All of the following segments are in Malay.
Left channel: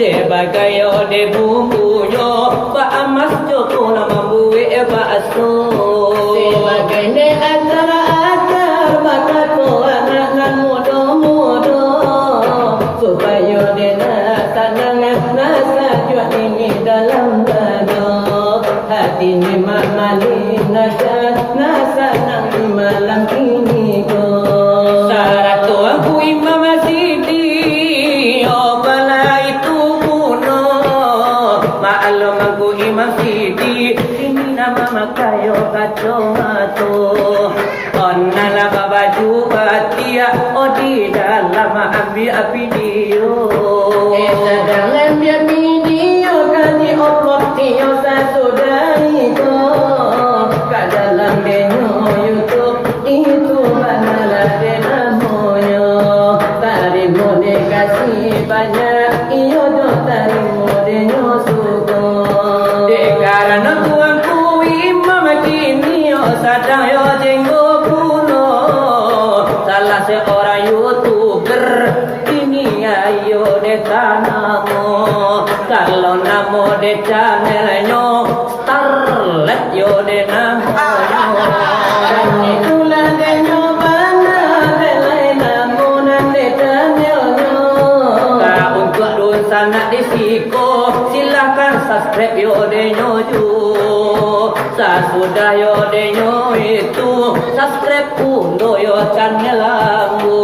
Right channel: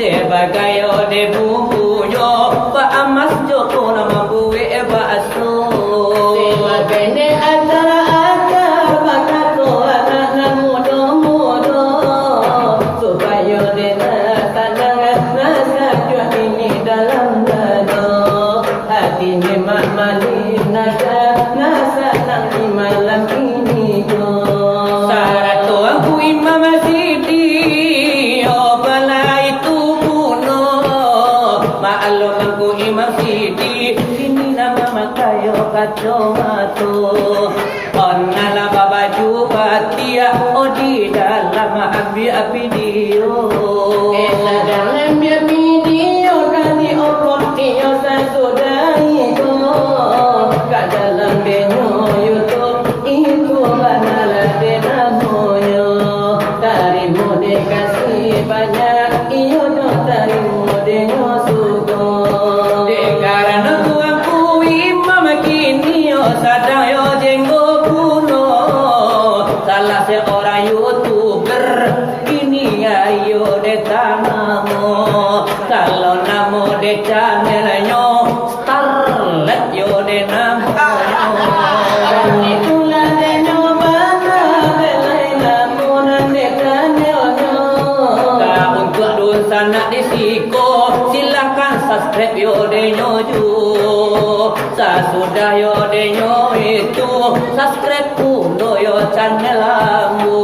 Sebagai de bumbu yo, pa amas jo kuna mabue pa asu ini mamalina nasa nang malam ini ko saratu aku imam sidi oh bala itu puno maalum aku imam sidi ini nama makayo kacomato onnala babaju batia oh di dalam api video dalam video kali upload video sasudai ko ka dalam denyo YouTube itu banala denamoyo tarimo de kasih banyak iyo do tarimo denyo sugo de karana tuanku imam kini yo sadang yo jenggo kuno salah seorang YouTuber ini ayo de tanamo kalau namo de channelnya starlet yo de namo itulah de nyobana de lain namo nan de channelnya untuk dosa nak disiko silakan subscribe yo de nyoju sudah yo de nyo itu subscribe pun yo channel aku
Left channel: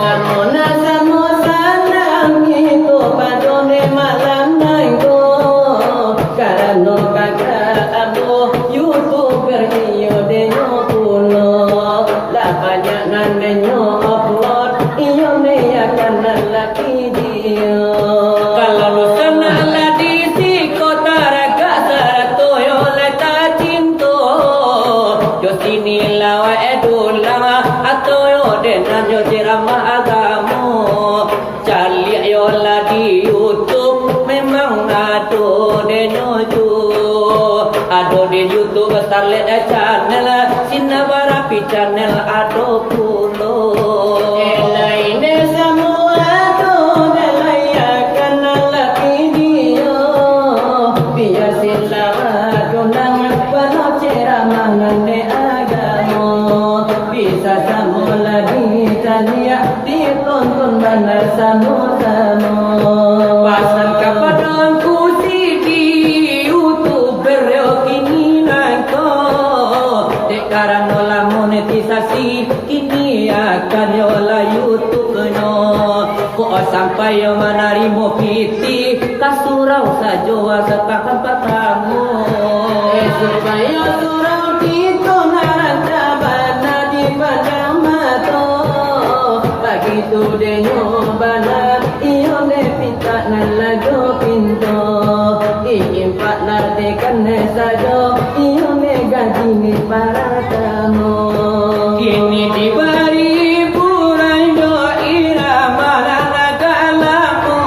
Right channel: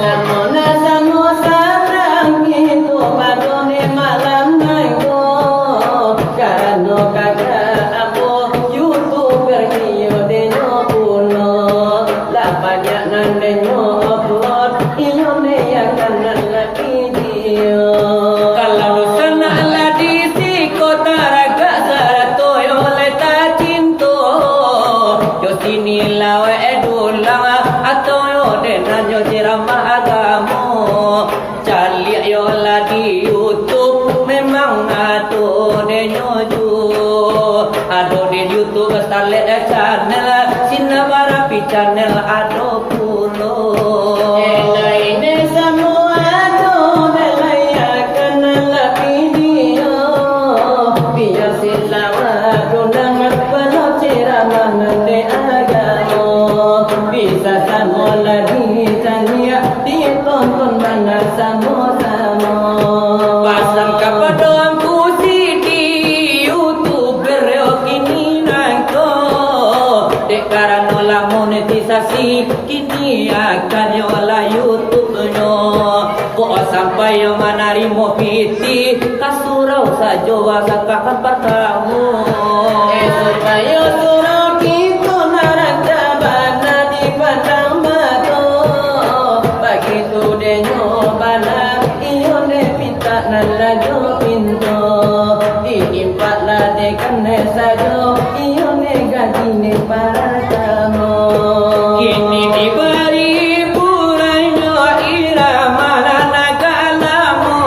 namo nasamo sarang itu padone malam nangko karano kagak abo YouTuber yo de nyo puno la banyak nan de nyo upload iyo ne akan lagi video kalau sana la disiko taraga sarato yo leta cinto yo sini lawa edulama atau yo denan yo ceramah agamo cari yo la di YouTube memang ado de nyoju ado di YouTube starlet channel sinabarapi channel ado pulo lainnya semua ado melayakan la video biar silawa gunang penuh ceramah nande agamo bisa sama lagi tanya ditonton benar sama-sama pasang kepada aku sidi YouTuber yo kini nangko dek karena la monetisasi kini akan yo la YouTube nyo kok sampai yo manarimo piti kasurau saja wasakakan patamu supaya surau kita naraja bana di padang mato begitu denyo bana iyo ne pita nalajo pinto ingin patla de kane sajo iyo ne gaji ne para tamu kini diberi puranyo irama nagalamu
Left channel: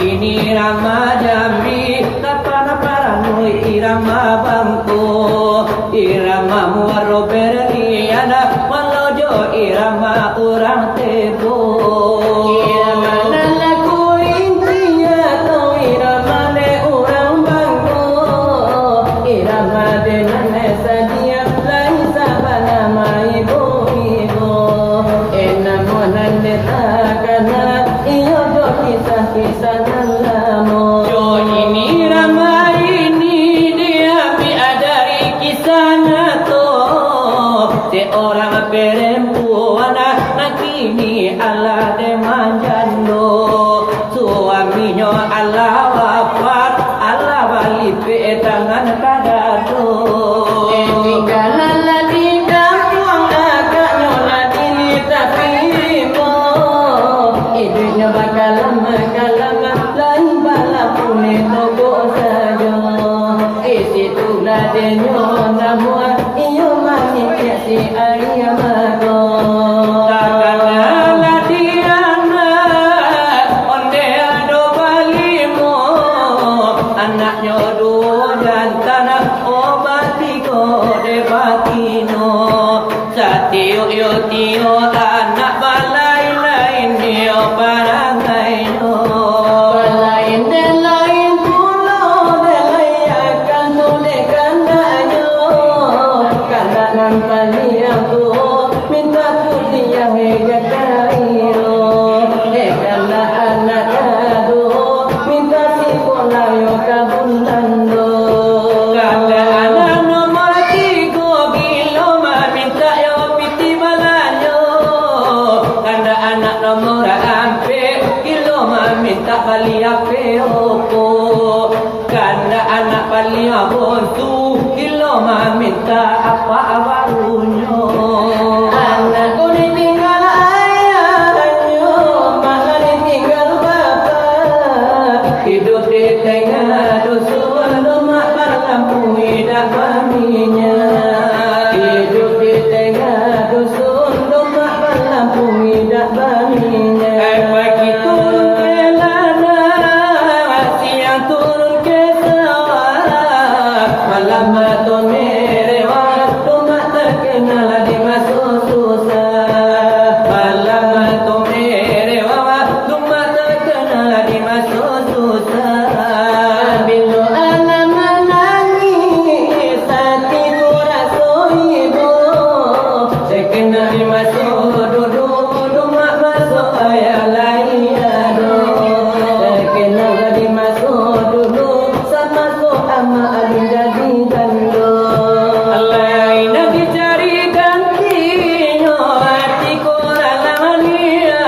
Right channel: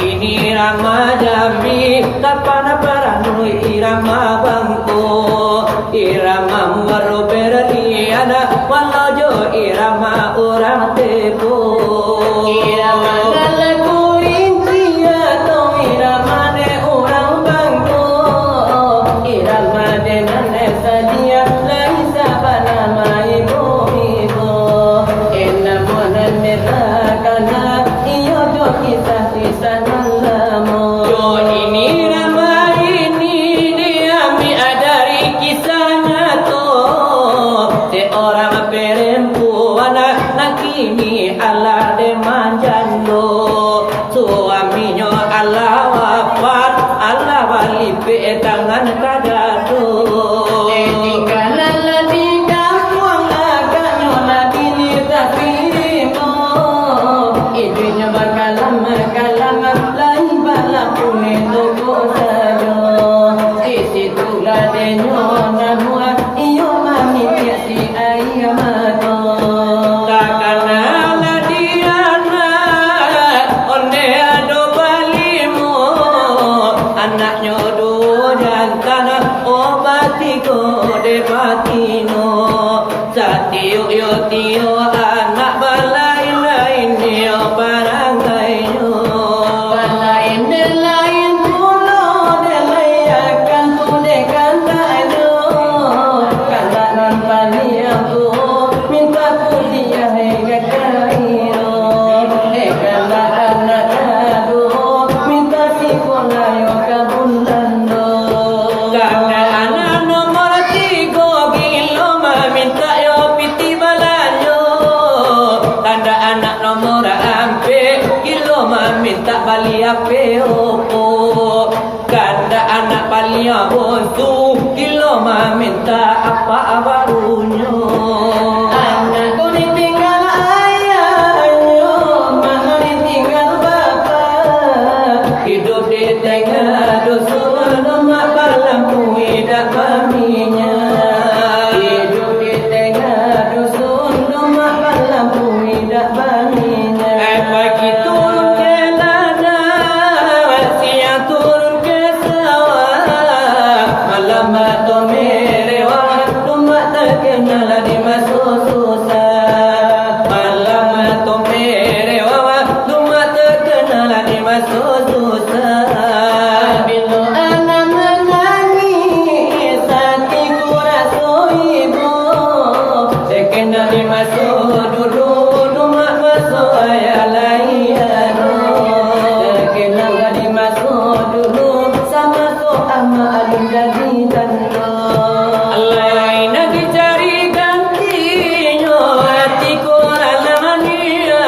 ini irama jambi tapana paranu irama bangko irama muaro berliana walau jo irama orang teko irama nalaku rinci atau irama de orang bangko irama de nane sadia nai sabana mai bo enamo nane takana iyo jo kisah nalamo jo ini irama ini dia alia bosu Kilo minta apa barunya Anakku ditinggal ayahnya, mak ditinggal bapak. Hidup di tengah dusun lemak melampaui dak kaminya Hidup di tengah dusun lemak melampaui dak kaminya Pagi turun ke ladang siang turun ke sawah Malam atau merewah lemak terkenal di masuk susah Malam atau merewah lemak terkenal di masuk susah Bila anak menangis, hatiku rasa ibu. Sekena di masuk duduk rumah masuk ayah layan Sekena di masuk duduk sama ama alun jadi tanda Lain dicari gantinya hatiku ralanian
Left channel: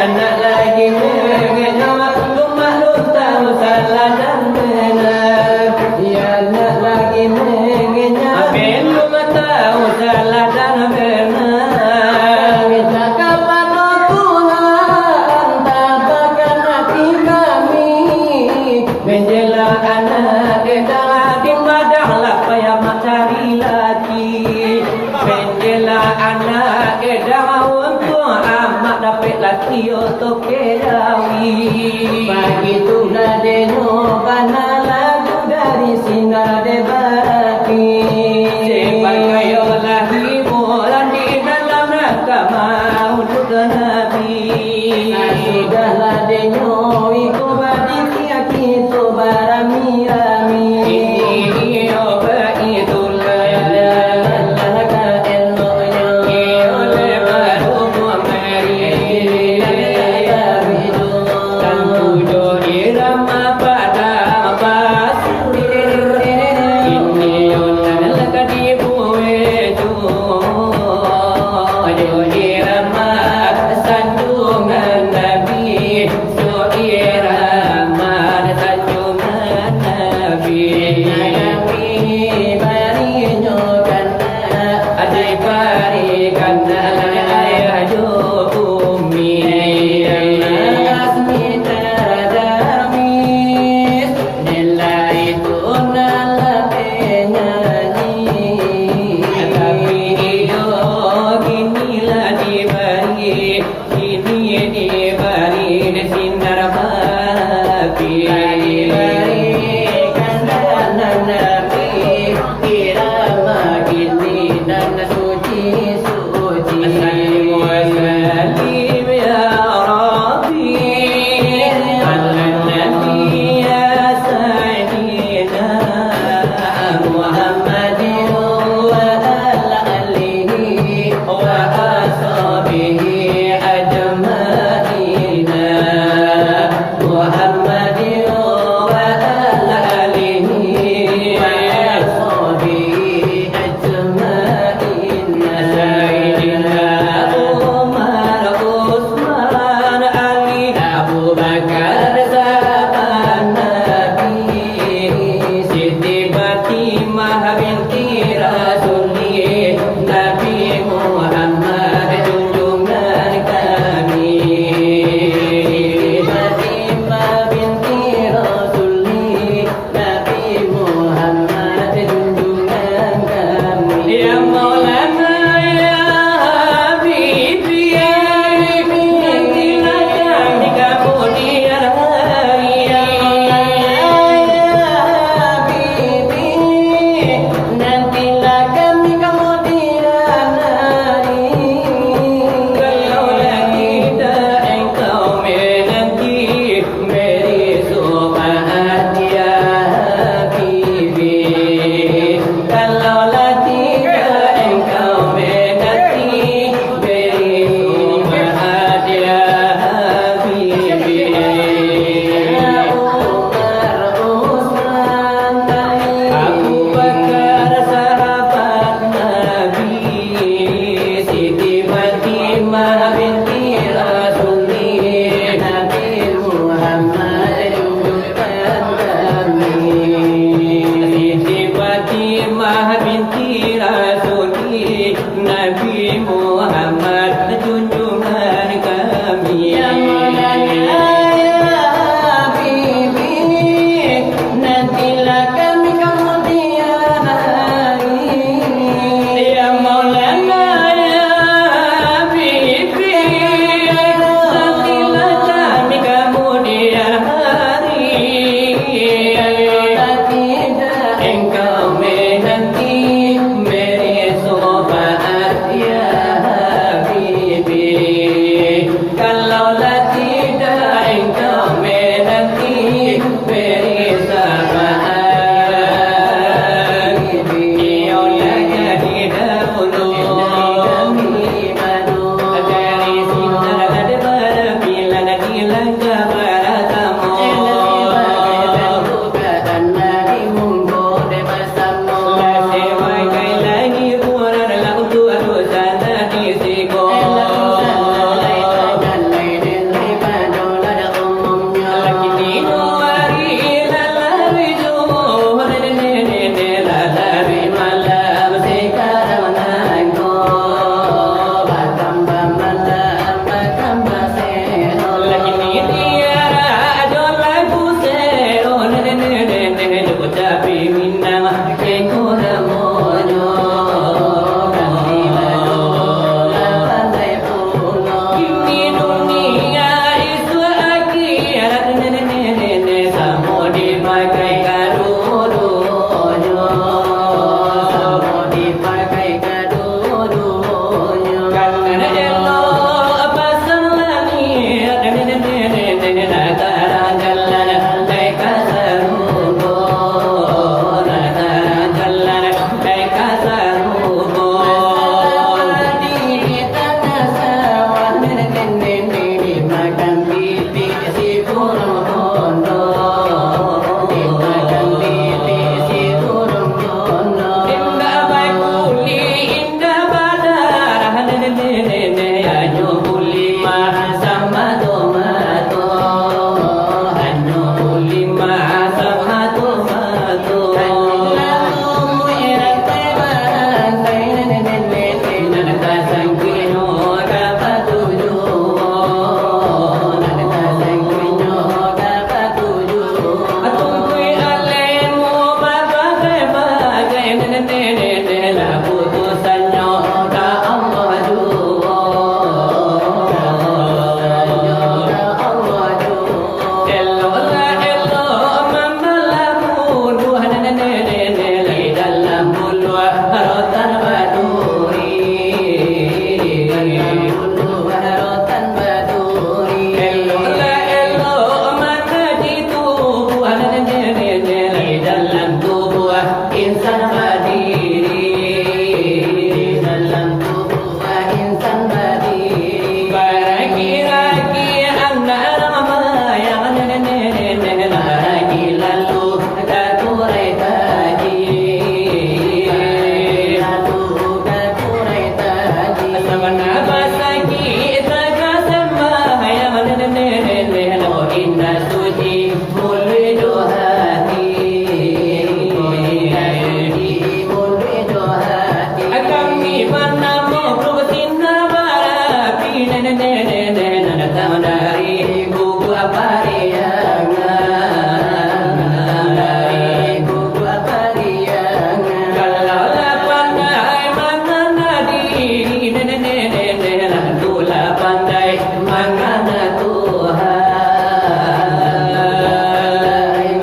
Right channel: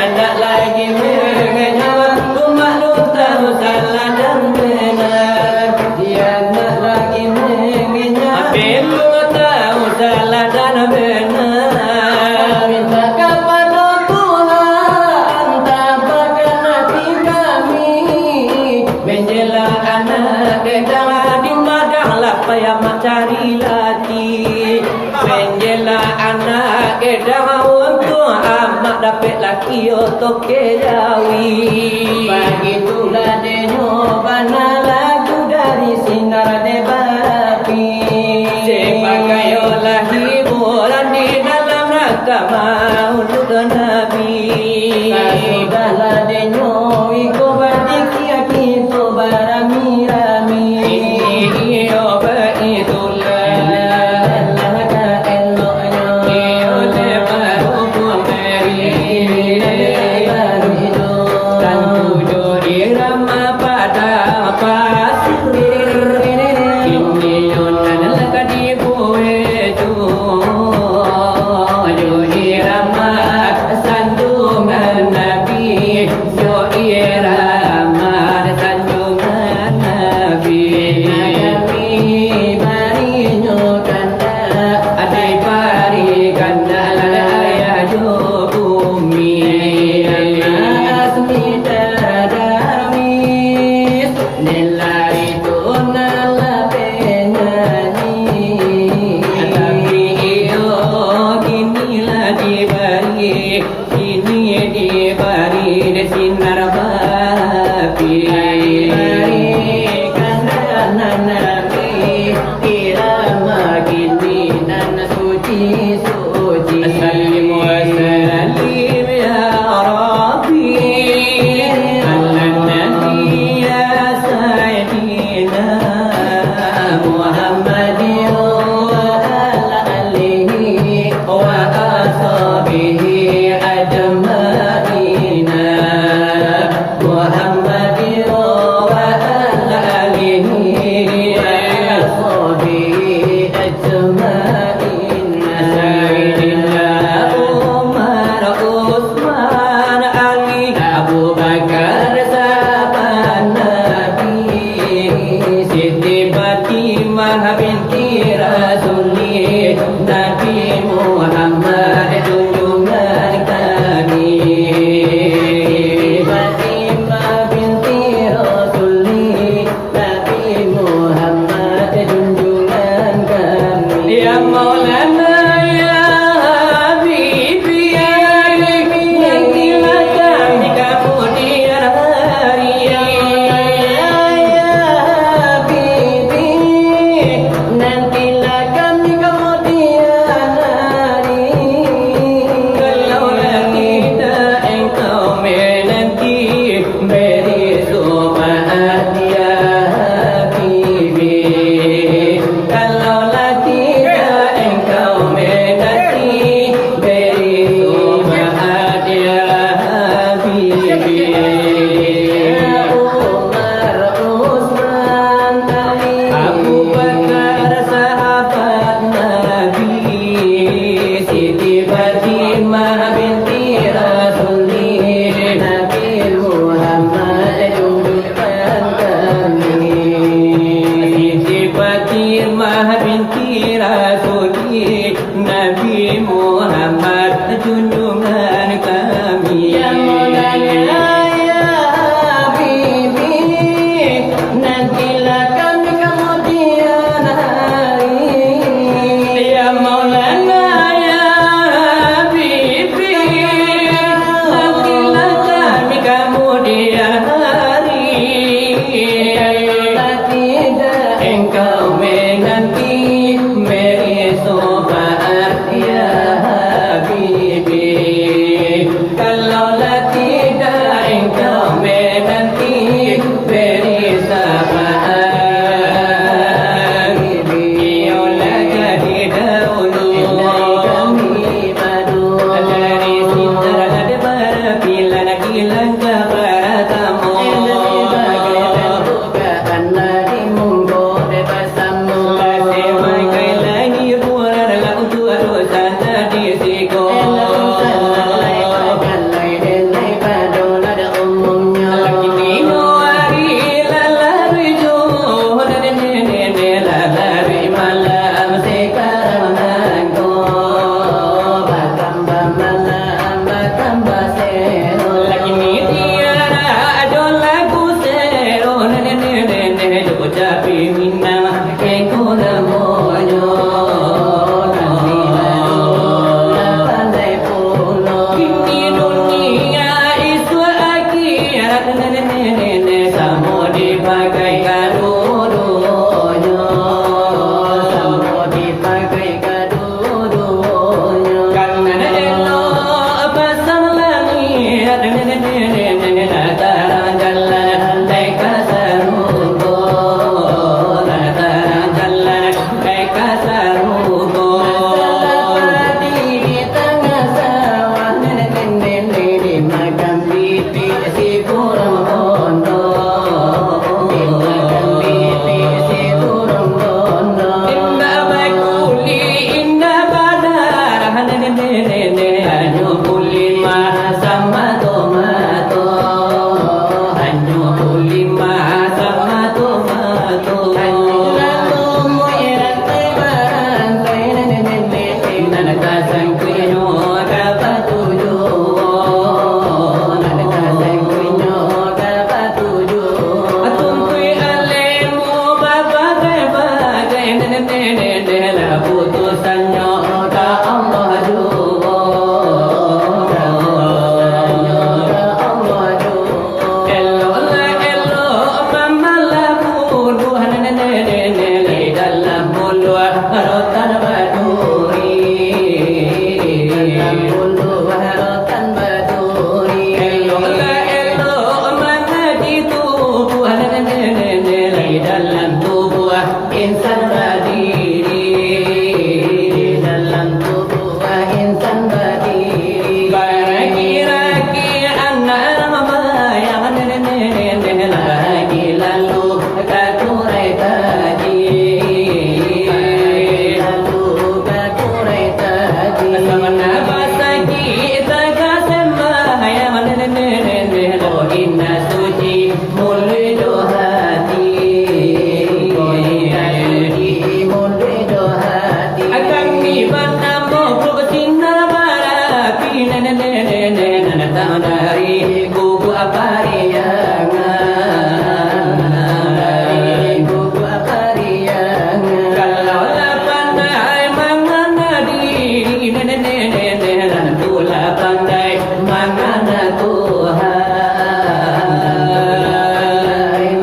Anak lagi mengenyam rumah lu tahu salah dan benar Dia anak lagi mengenyam Habis lu tahu salah dan benar Minta kepada Tuhan, tabahkan hati kami. Menjela anak kedara di madahlah payah mak cari laki Menjela anak kedara untuk amak dapat laki untuk kedawi Begitulah denyo bana lagu dari sinar debapi. Sebagai olah hiburan di dalam agama untuk Nabi Sudahlah denyo ikut badiki kita barami-rami. Itulah inna kekuna monyo kami lalu lantai puno ini dunia iswa akhirat nene samo dipakai kadudunya samo dipakai kadudunya karena elo apa salami nene datang jalan mereka serugo datang jalan mereka serugo di tengah sawah nene dimakan pipi si burung bondo dimakan pipi si burung bondo indah baik kuli indah badar nene hanya kuli sama tomato hanya kuli sama tomato hanya muiran teman nene kasang kino dapat tujuh kasang kino dapat tujuh tungkui alemu bagai nene lah putusannya ka Allah juga elo mama lamu dua nene di dalam bulu harotan baturi harotan baturi elo mana itu nene di dalam tubuh insan berdiri di dalam tubuh insan berdiri ragi anak mama yang nene lagi lalu kakurai tadi lalu kakurai tadi sama nafas lagi taga sembah yang nene lo inna suci mulidu hati mulidu hati akan mana mau bersinna barapi nene datang dari buku apariangan dari buku apariangan kalau pandai mangana diri nene tula pandai mangana Tuhan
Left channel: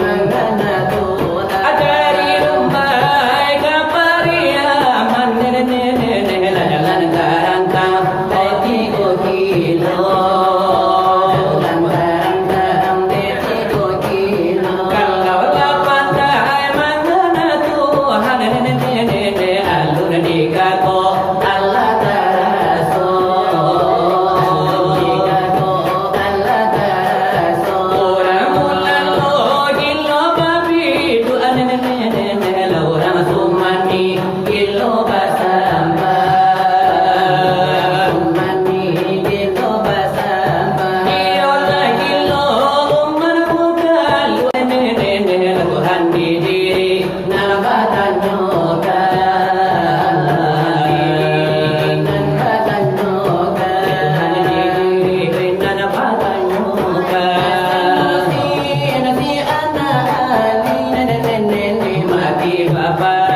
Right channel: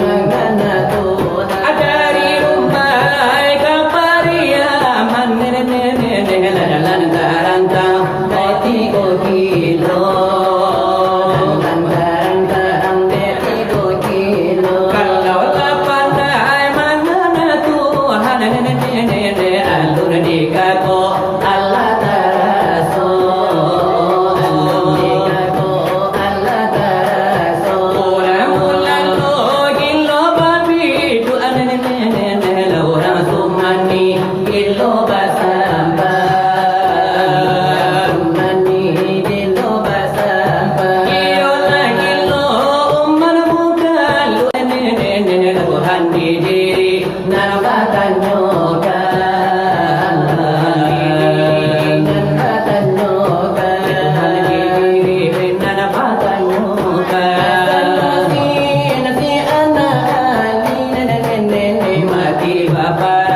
mangana Tuhan dari rumah kapariaman nene lantaran dari 3 kilo lantaran dari 3 kilo kalau pandai mangana Tuhan nene alun di kako Allah taraso alun di kako Allah taraso mula lo gilo babi tu nene orang sumani gilo basamba sumani gilo basamba iyo lagi lo umar buka lu nene Tuhan di diri narbatan nyoga narbatan nyoga narbatan nyoga nanti anak ali nene mati bapak